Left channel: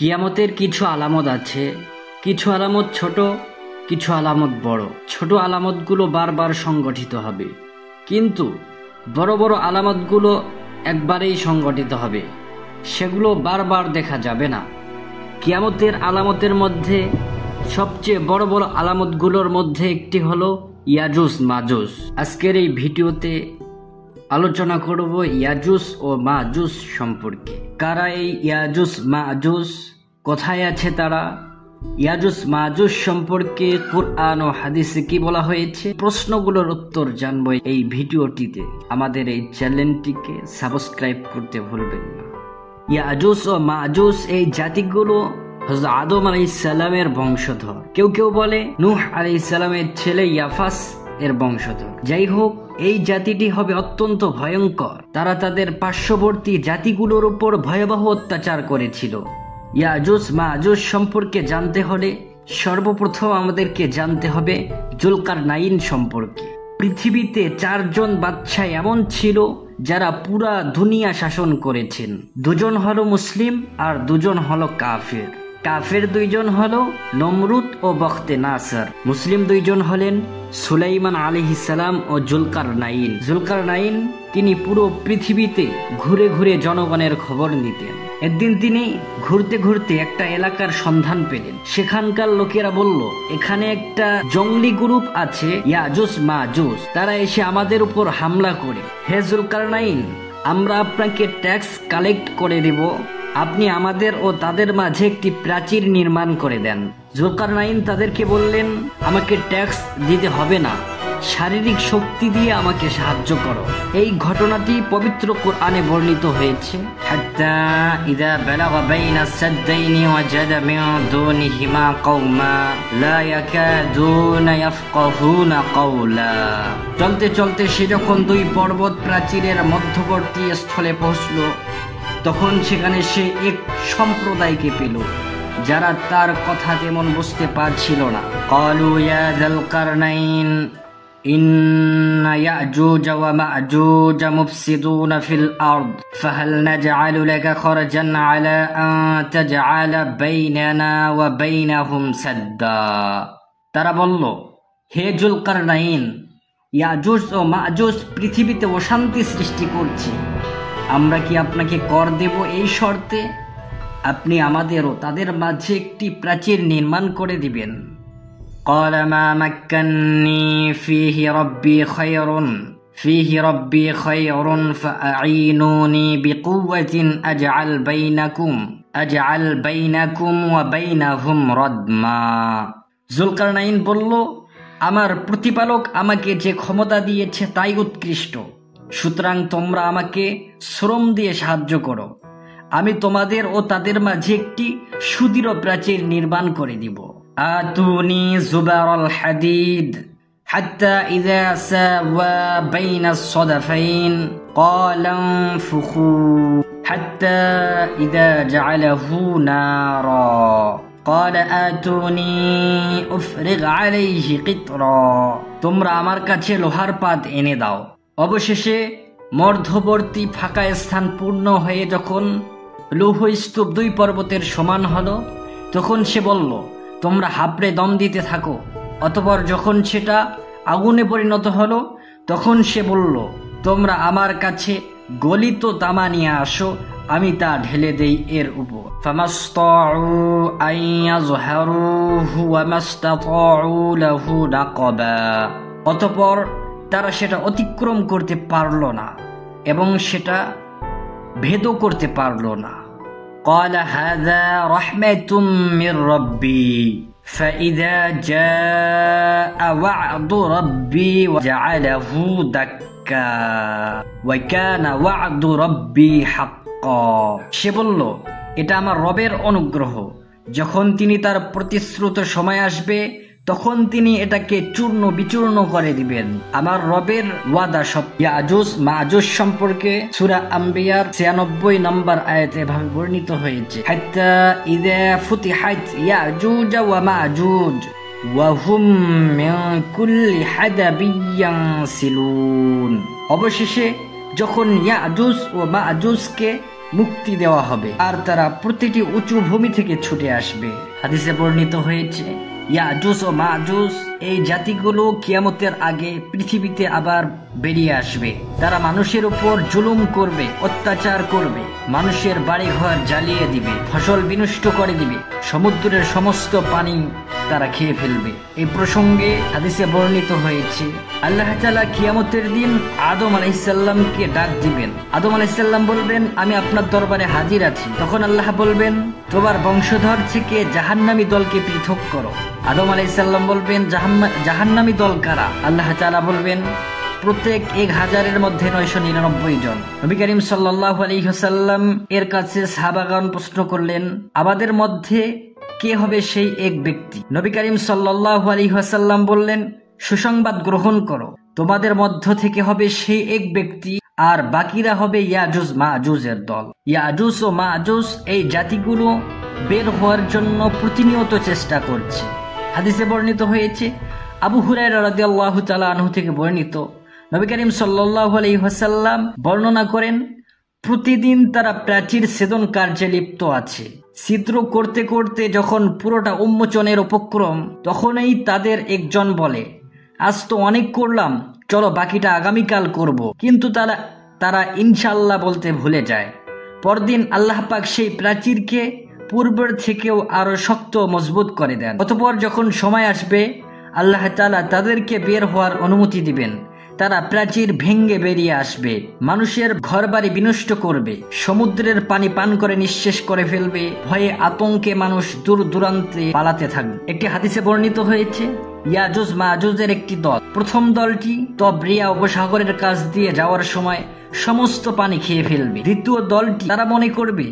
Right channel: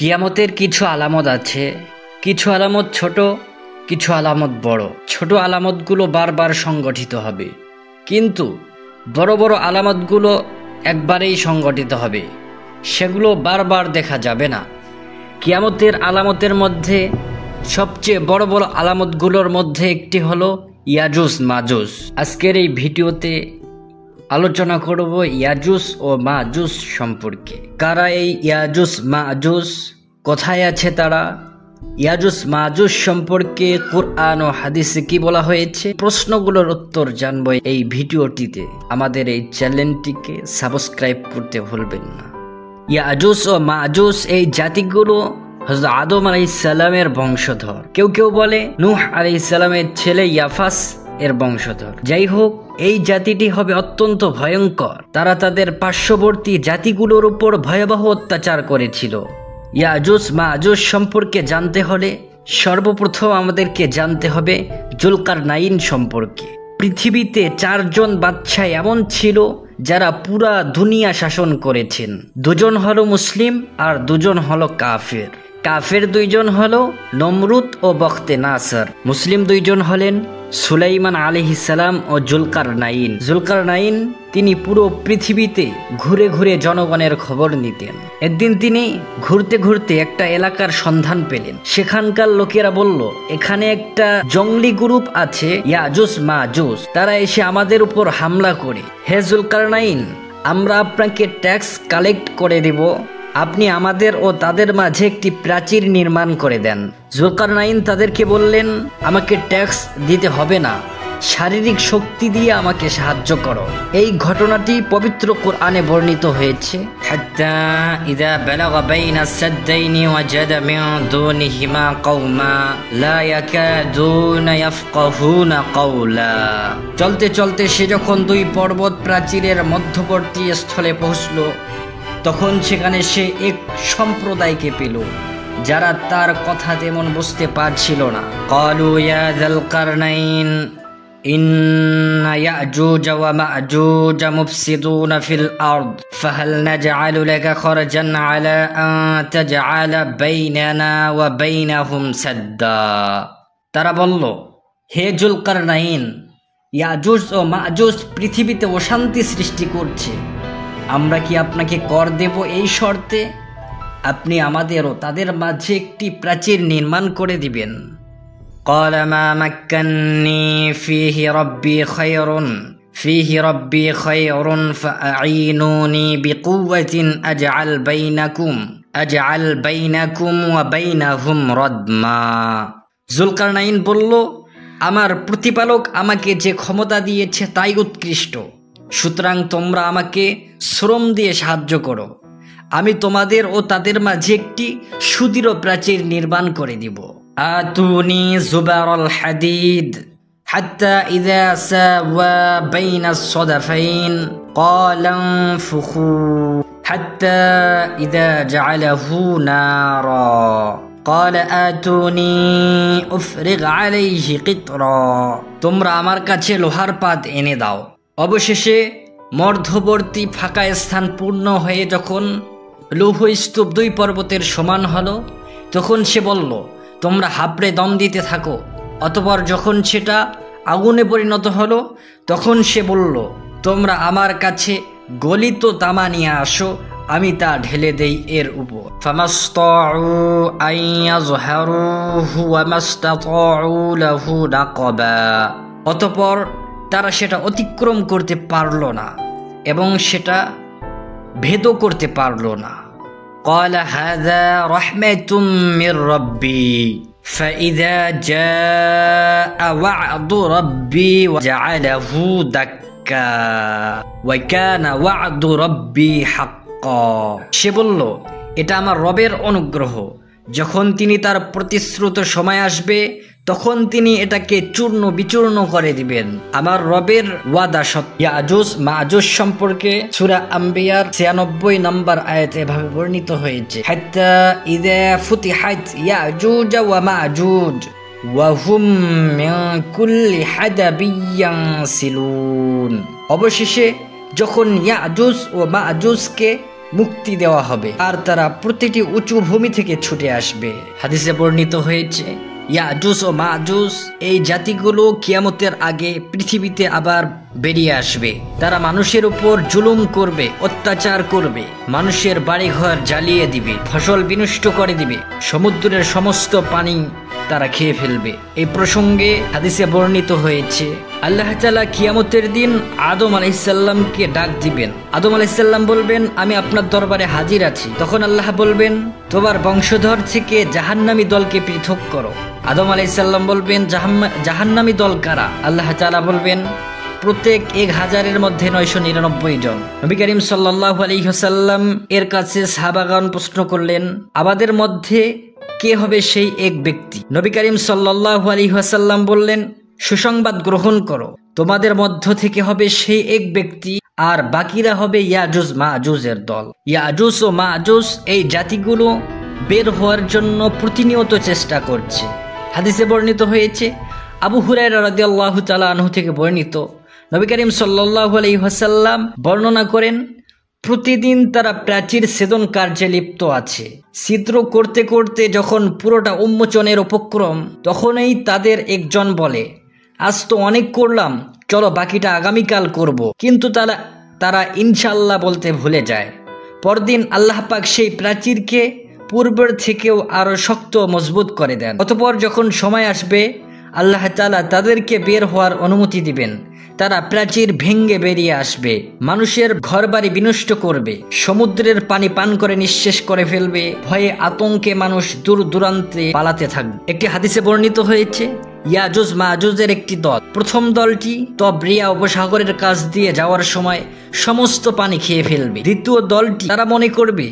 কিয়ামতের কিছু আলামত আছে, কিছু আলামত ছোট, কিছু আলামত বড়। ছোট আলামতগুলো বারবার সংগঠিত হবে, কিন্তু বড় বড় আলামতগুলো একবারেই সংগঠিত হবে, সেগুলো বারবার দেখা যাবে না। কিয়ামতের আলামতের মধ্যে সবচেয়ে বড় বড় আলামতগুলোর মধ্যে একটি হলো ইয়াজুজ মাজুজ। আজকের এই ভিডিওতে আলোচনা করব ইয়াজুজ ও মাজুজ সম্পর্কে। কারা এই ইয়াজুজ মাজুজ, কোথায় আছে তারা, ইয়াজুজ মাজুজ সম্পর্কে কুরআন ও হাদিসে কি বলা হয়েছে, প্রশ্নগুলোর উত্তর জানবো এই ভিডিওটিতে। আমাদের এই চ্যানেলটিকে সাবস্ক্রাইব করতে ভুলবেন না। ইয়াজুজ ও মাজুজ এই জাতিগুলো হযরত আদম আলাইহিস সালামের বংশধর। কেউ কেউ বলে নূহ আলাইহিস সালামের ছেলে ইয়াফাস এর বংশধর। যাই হোক, এই জাতিটি হবে অত্যন্ত ভয়ঙ্কর। তারা তাদের পার্শ্ববর্তী জাতিগুলোর উপর ভয়াবহ অত্যাচার করেছিল। ইয়াজুজ মাজুজ সম্পর্কে জানতে হলে সর্বপ্রথম আমাদেরকে জানতে হবে জুলকারনাইন সম্পর্কে। পৃথিবীতে 4 জন বাদশাহ এমন ছিল যারা পুরা দুনিয়া শাসন করেছেন। 2 জন হলো মুসলিম আর 2 জন হলো কাফের। কাফের 2 জন হলো নমরুদ ও বখতে নাসর। মুসলিম 2 জন হলেন সুলাইমান আলাইহিস সালাম ও জুলকারনাইন। জুলকারনাইন তিনি পুরো পৃথিবীতে ঘুরে ঘুরে জনগণের খবর নিতেন। একদিন তিনি ঘুরতে ঘুরতে একটা এলাকার সন্ধান পেলেন। সেখানকার লোকেরা বলল, এখানে একটা জঙ্গলি গ্রুপ আছে ইয়াজুজ মাজুজ, তারা এসে আমাদের উপর হামলা করে। হে জুলকারনাইন, আমরা আপনাকে ট্যাক্স কালেক্ট করে দেব, আপনি আমাদের ও তাদের মাঝে একটি প্রাচীর নির্মাণ করে দেন। জুলকারনাইন তাদেরকে বললেন, আমাকে ট্যাক্স দিতে হবে না, শারীরিক শক্তি দিয়ে আমাকে সাহায্য করো। এই ঘটনাটি পবিত্র কোরআনে বর্ণিত হয়েছে। হাত্তা ইযা বালাগা বাইনা সাদ্দাইনি ওয়াজাদা মিন দুনিহিমা কওমা লা ইয়াকাদুনা ইয়াফকাহুনা কাওলা। চলতে চলতে সে যখন 2 পর্বত প্রাচীরের মধ্যবর্তী স্থলে পৌঁছল, তখন সেখানে সে এক সম্প্রদায়কে পেল যারা তার কথা তেমন বুঝতে পারছিল না। ক্বালু ইয়া যাল কারনাইন ইন্না ইয়াজুজ ওয়া মাজুজ মুফসিদুনা ফিল আরদ ফাহাল নাজআলু লাকা খরজান আলা আন তাজআলা বাইনানা ওয়া বাইনাহুম সাদ্দা। তারা বলল, হে জুলকারনাইন, ইয়াজুজ ও মাজুজ পৃথিবীতে অশান্তি সৃষ্টি করছে, আমরা কি আপনাকে কর দেব এই শর্তে আপনি আমাদেরও তাদের মাঝে একটি প্রাচীর নির্মাণ করে দিবেন। قال ما مكنني فيه ربي خير فأعينوني بقوة أجعل بينكم وبينهم ردما। জুলকারনাইন বলল, আমার প্রতিপালক আমাকে যে ক্ষমতা দিয়েছে তাই উৎকৃষ্ট, সুতরাং তোমরা আমাকে শ্রম দিয়ে সাহায্য করো, আমি তোমাদের ও তাদের মাঝে একটি সুদৃঢ় প্রাচীর নির্মাণ করে দিব। আতুনি জুবারুল হাদিদ হাত্তা ইযা সাওয়া বাইনাস সাদাফাইন ক্বালা ফুখু হাত্তা ইযা জাআলাহু নারা ক্বালা আতুনি উফরিগ আলাইহি কিতরা। তোমরা আমার কাছে লোহার পাত এনে দাও। অবশেষে মধ্যবর্তী ফাঁকা স্থান পূর্ণ হয়ে যখন লৌহ স্তূপ 2 পর্বতের সমান হলো, তখন সে বলল, তোমরা হাবড়ে দম দিতে থাকো। অতঃপর যখন সেটা আগুনে পরিণত হলো, তখন সে বলল, তোমরা আমার কাছে গলিত তামা নিয়ে আসো, আমি তা ঢেলে দেই এর উপর। ফামাসতাউ আইয়াযহারুহু ওয়া মাসতাতাউ লাহু নাকাবা। অতঃপর তারা সেটা অতিক্রম করতে পারল না এবং সেটা ভেদও করতে পারল না। قال هذا رحمة من ربي فإذا جاء وعد ربي وجعله دكا وكان وعد ربي حقا। সে বলল, এটা আমার রবের অনুগ্রহ, যখন তিনি তার প্রতিশ্রুত সময় আসবে তখন তিনি এটাকে চূর্ণ বিচূর্ণ করে দিবেন। আমার রবের ওয়াদা সত্য। ইয়াজুজ মাজুজ সম্পর্কে সূরা আম্বিয়ার 96 নম্বর আয়াতে এভাবে বর্ণিত হয়েছে, হাত্তা ইযা ফুতিহাত ইয়াজুজ ওয়া মাজুজ ওয়া হুম মিন কুল্লি হাদাবিন ইয়ানসিলুন। অবশেষে যখন ইয়াজুজ ও মাজুজকে মুক্তি দেওয়া হবে আর তারা প্রতিটি উঁচু ভূমি থেকে ছুটে আসবে। হাদিসে বর্ণিত হয়েছে ইয়াজুজ ও মাজুজ এই জাতিগুলো কিয়ামতের আগে পৃথিবীতে আবার বেরিয়ে আসবে। তারা মানুষের উপর জুলুম করবে, অত্যাচার করবে, মানুষের বাড়িঘর জ্বালিয়ে দিবে, ফসল বিনষ্ট করে দিবে, সমুদ্রের সমস্ত পানি তারা খেয়ে ফেলবে। এই প্রসঙ্গে হাদিসে বর্ণিত হয়েছে আল্লাহ তাআলা কিয়ামতের দিন আদম আলাইহিসসালামকে ডাক দিবেন। আদম আলাইহিসসালাম বলবেন, আমি আপনার দরবারে হাজির আছি। তখন আল্লাহ বলবেন, তোমার বংশধর থেকে জাহান্নামী দলকে পৃথক করো। আদম আলাইহিসসালাম বলবেন, জাহান্নামী দল কারা? আল্লাহ তাআলা বলবেন, প্রত্যেক 1000-এর মধ্যে 999 জন। নবী করিম সাল্লাল্লাহু আলাইহি ওয়াসাল্লাম এর কাছে সাহাবাগণ প্রশ্ন করলেন, আমাদের মধ্যে কে হবে সেই এক ব্যক্তি? নবী করিম সাল্লাল্লাহু আলাইহি ওয়াসাল্লাম বললেন, সুসংবাদ গ্রহণ করো, তোমাদের মধ্য থেকে হবে সেই এক ব্যক্তি, আর বাকিরা হবে ইয়াজুজ মাজুজের দল। ইয়াজুজ ও মাজুজ এই জাতিগুলো বের হওয়ার জন্য প্রতিনিয়ত চেষ্টা করছে। হাদিসে বর্ণিত হয়েছে, আবু হুরায়রা রাদিয়াল্লাহু তাআলা আনহু থেকে বর্ণিত, নবী করিম সাল্লাল্লাহু আলাইহি ওয়াসাল্লাম বর্ণনা করেন, প্রতিদিন তারা প্রাচীর ছেদন কার্যে লিপ্ত আছে। ছিদ্র করতে করতে যখন পুরোটা উন্মোচনের উপক্রম, তখনই তাদের একজন বলে, আজ তো অনেক করলাম, চলো বাকিটা আগামীকাল করব। কিন্তু তারা ইনশাআল্লাহ বলতে ভুলে যায়। পরদিন আল্লাহ পাক সেই প্রাচীরকে পূর্বের থেকেও আরো শক্ত মজবুত করে দেন। অতঃপর যখন সময় আসবে, আল্লাহ তাআলা তাদেরকে বের হওয়ার অনুমতি দিবেন। তারা প্রাচীর ভেঙ্গে বেরিয়ে আসবে, মানুষের ঘরবাড়ি বিনষ্ট করবে, সমুদ্রের পানি পান করে নিঃশেষ করে ফেলবে, ভয়ে আতঙ্কে মানুষ দূর দূরান্তে পালাতে থাকবে। একটি হাদিসে বর্ণিত হয়েছে, ইয়াজুজ মাজুজের একটি দল, প্রথম দলটি তবরিয়া উপসাগরের কাছ দিয়ে যাওয়ার সময় সমস্ত পানি খেয়ে ফেলবে। দ্বিতীয় দলটি তারা মনে করবে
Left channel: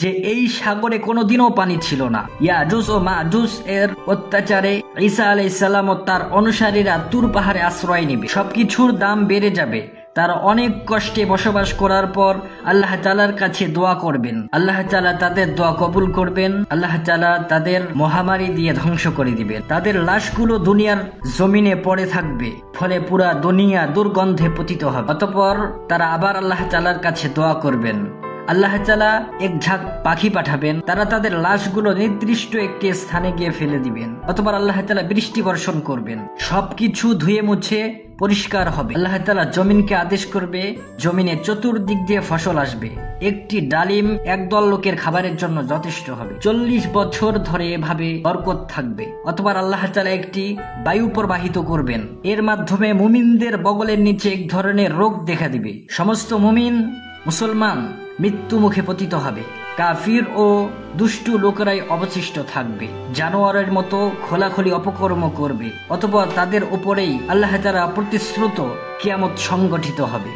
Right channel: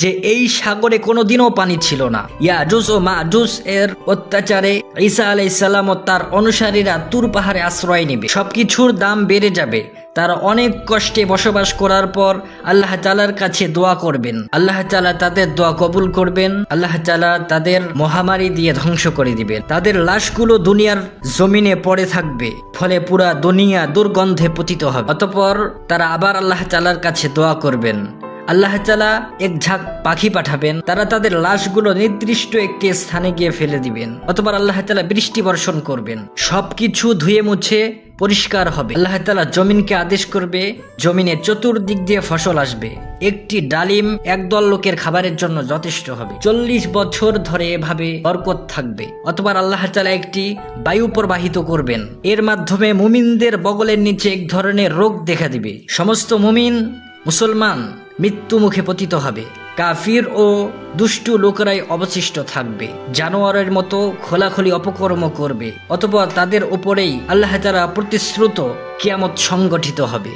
যে এই সাগরে কোনোদিনও পানি ছিল না। ইয়াজুজ ও মাজুজ এর অত্যাচারে ঈসা আলাইহিস সালাম ও তার অনুসারীরা তুর পাহাড়ে আশ্রয় নেবে। সবকিছুর দাম বেড়ে যাবে। তারা অনেক কষ্টে বসবাস করার পর আল্লাহ তাআলার কাছে দোয়া করবেন। আল্লাহ তাআলা তাদের দোয়া কবুল করবেন। আল্লাহ তাআলা তাদের মহামারী দিয়ে ধ্বংস করে দিবেন। তাদের লাশগুলো দুনিয়ার জমিনে পড়ে থাকবে, ফলে পুরা দুনিয়া দুর্গন্ধে পতিত হবে। অতঃপর তারা আবার আল্লাহ তাআলার কাছে দোয়া করবেন। আল্লাহ তাআলা এক ঝাঁক পাখি পাঠাবেন, তারা তাদের লাশগুলো নির্দিষ্ট একটি স্থানে গিয়ে ফেলে দিবেন। অতঃপর আল্লাহ তাআলা বৃষ্টি বর্ষণ করবেন, সবকিছু ধুয়ে মুছে পরিষ্কার হবে। আল্লাহ তাআলা জমিনকে আদেশ করবে, জমিনে চতুর্দিক দিয়ে ফসল আসবে। একটি ডালিম একদল লোকের খাবারের জন্য যথেষ্ট হবে। 40 বছর ধরে এভাবে বরকত থাকবে। অতঃপর আল্লাহ তাআলা একটি বায়ু প্রবাহিত করবেন, এর মাধ্যমে মুমিনদের বগলের নিচে এক ধরনের রোগ দেখা দিবে। সমস্ত মুমিন মুসলমান মৃত্যু মুখে পতিত হবে, কাফির ও দুষ্টু লোকেরাই অবশিষ্ট থাকবে, জানোয়ারের মতো খোলাখুলি অপকর্ম করবে। অতঃপর তাদের উপরেই আল্লাহ তাআলা প্রতিশ্রুত কিয়ামত সংগঠিত হবে।